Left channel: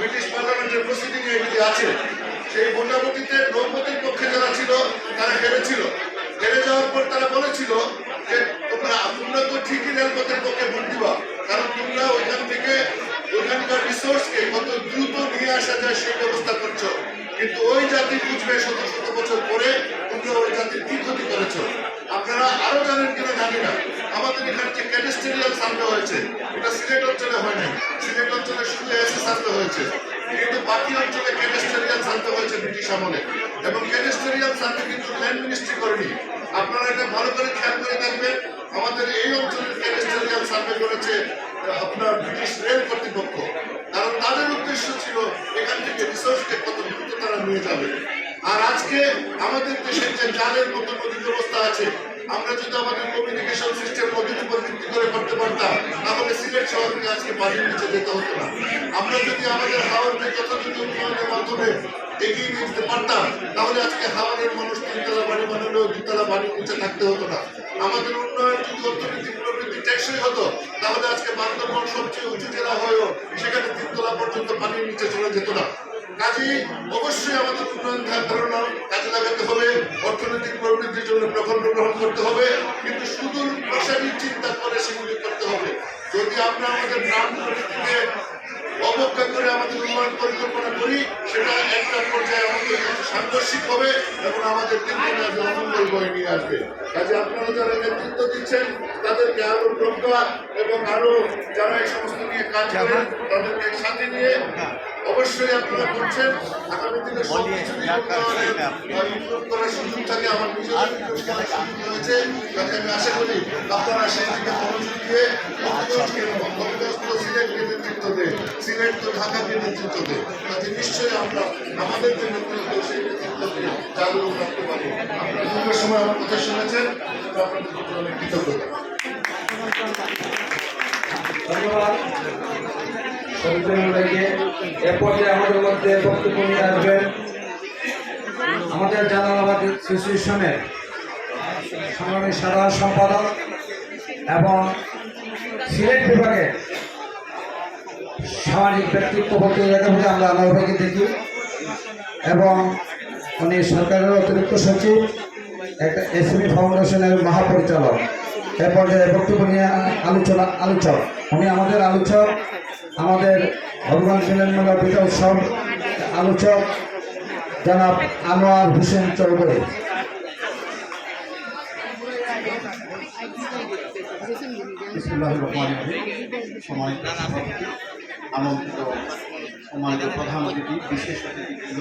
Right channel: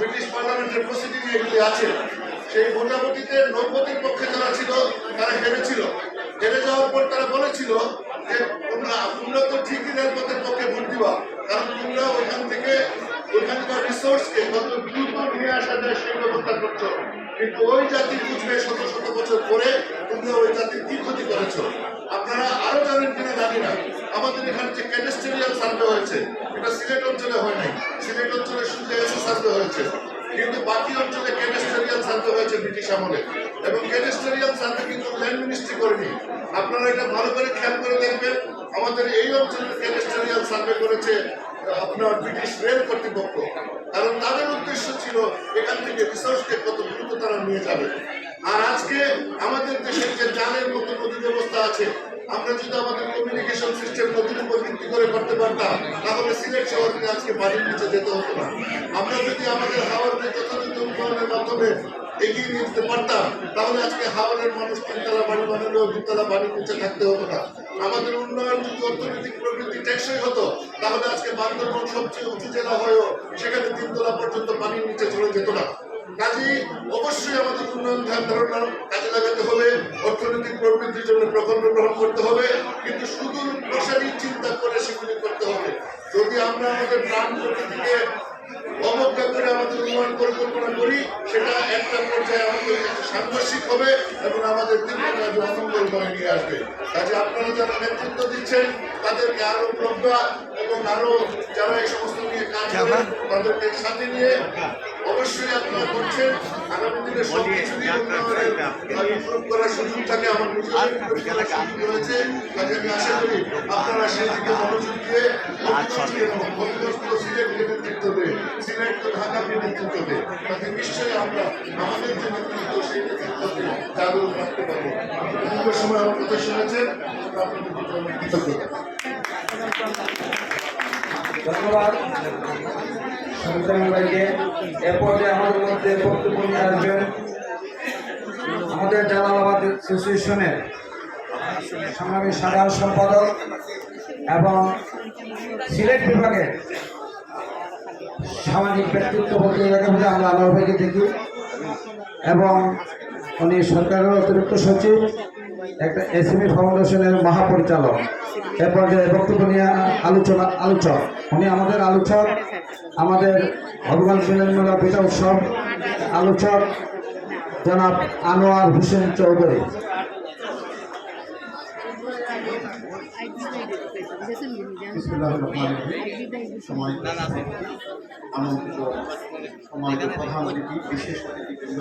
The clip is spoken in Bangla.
ব্রিটিশ পার্লামেন্টের প্রসিডিং এগুলি আছে, সেই ভোটাভুটিতে নৌপতির পক্ষে যারা ছিল, তারা হেরেছিল হেরে যাওয়ার পর তারা বলেছিল যে, তোমরা তোমরা তো ঠিকই রেলপথের পক্ষে ভোট দিবা, কারণ তোমরা ওইখান থেকে ওইখানকার রিসোর্সকে কত দ্রুত নিয়ে আসা যায় সেই ব্যবস্থা করছ। কিন্তু ওই জাতি বুঝবে শত শত বছর পরে তোমরা ওই জাতির কি ক্ষতি করেছ। আপনারা আরও জানেন কিনা জানি না। আমাদের এখানে যে ক্যাডেস্টেরিয়াল সার্ভে হয়েছে ওটা সিলেট অঞ্চলে হয় নাই। হয়েছে। কিন্তু বাকি অঞ্চলে ক্যাডেস্টেরিয়াল সার্ভে হয়েছে ব্রিটিশ আমলে। এবং ক্যাডেস্টেরিয়াল সার্ভে কিন্তু ল্যান্ড মিনিস্ট্রি করেনি। আপনারা এটা ভালো করে খেয়াল করে দেখবেন, আমাদের এই অঞ্চলের ক্যাডেস্টেরিয়াল সার্ভে করেছে আপনার ব্রিটিশ রেল কর্তৃপক্ষ। কারণ তাদের উদ্দেশ্য ছিল এখান থেকে রিসোর্সকে কত দ্রুত তারা নিয়ে যাবে। আর আজকে আমাদের দেশের যে জালের মতো নদী ব্যবস্থা আছে আমরা যদি আমাদের কমিউনিকেশন সিস্টেম নদীর উপর ভিত্তি করে করতে পারতাম, তাহলে সিলেট শহরকে আজকে বাড়ির নিচে যেতে হতো না। আমরা যদি আমাদের হাওড়কে যথাযথ উন্নয়নের মাধ্যমে এগিয়ে নিয়ে যেতে পারতাম, তাহলে আজকে হাওড়ের মানুষ তিনতলা বাড়ি বানালেও দুতলা বাড়ির নিচে থাকতে হতো না। আমাদের উন্নয়ন যদি অর্থনৈতিক প্রবৃদ্ধি টেকসই হতো, তাহলে আজকে বান্দরবন সবচেয়ে উঁচু জেলা হয়েও সেখানে তিনতলা পর্যন্ত পানির নিচে চলে যেত না। কাজেই অবশ্যই আমাদের উন্নয়ন ধ্যান ধারণা কাজে লাগাতে হবে অর্থনৈতিক প্রবৃদ্ধির জন্য প্রকল্প গ্রহণ করতে হবে, কিন্তু সুদূর প্রসারী চিন্তা করে সেগুলি করতে হবে। যদি আমরা আমাদের প্রাণ প্রকৃতিকে অবজ্ঞা করে আমাদের উন্নয়ন পরিকল্পনা করি, সেটা একটা পর্যায়ে আমাদের সাংঘর্ষিক হবে এবং আমাদের দীর্ঘমেয়াদী অমঙ্গল বয়ে নিয়ে আসবে। কাজে আপনারা যারা নেতৃত্ব দিচ্ছেন, তাদেরকে আরও প্রজ্ঞা এবং আরও যারা এই সমস্ত নিয়ে কাজ করেন, তাদেরকে সাথে নিয়ে অবশ্যই আপনারা করছেন। আগামী দিনে সব কিছুই উন্নয়নের ইমপ্রুভ করার সুযোগ থাকে আমার নিজের হয়েছে। কাজে আমি আশা করি আপনারা সেই দিকে মনোযোগ দিয়ে সিলেটকে নেতৃত্ব দেন সিলেট তো ঢাকাকে নেতৃত্ব দেন কাজে নিশ্চয়ই আমরা আমাদের যে নেতৃত্ব সেই নেতৃত্বকে জাগরুক রাখতে পারব। দীর্ঘ সময় আমার কথা শুনেছেন আপনাদের কৃতজ্ঞতা ধন্যবাদ। সঞ্চালনকে এ আমাদের মধ্যে বক্তব্য নিয়ে আমাদের জালালাবাদ অ্যাসোসিয়েশনের সংগ্রামী সাধারণ সম্পাদক এবং সিলেট বিভাগের সামাজিক ব্যক্তিত্ব বলতে বলে আমরা আল্লাহ ভাইকে দেখি এবং উনি সরকারের অতিরিক্ত সচিব, একটা এসএমই ফাউন্ডেশনের মহাপরিচালক। এ পর্যায়ে বক্তব্য নিয়ে আলোচনা, আলোচক। উনি আমাদের আলোচক, আমাদের ভগবান মিলন মেলা পিতা উৎসব আলোচক, জনাব আনোয়ার হোসেন চৌধুরী। আনন্দিত সমাজের প্রধান অতিথি, বিশেষ অতিথিবৃন্দ।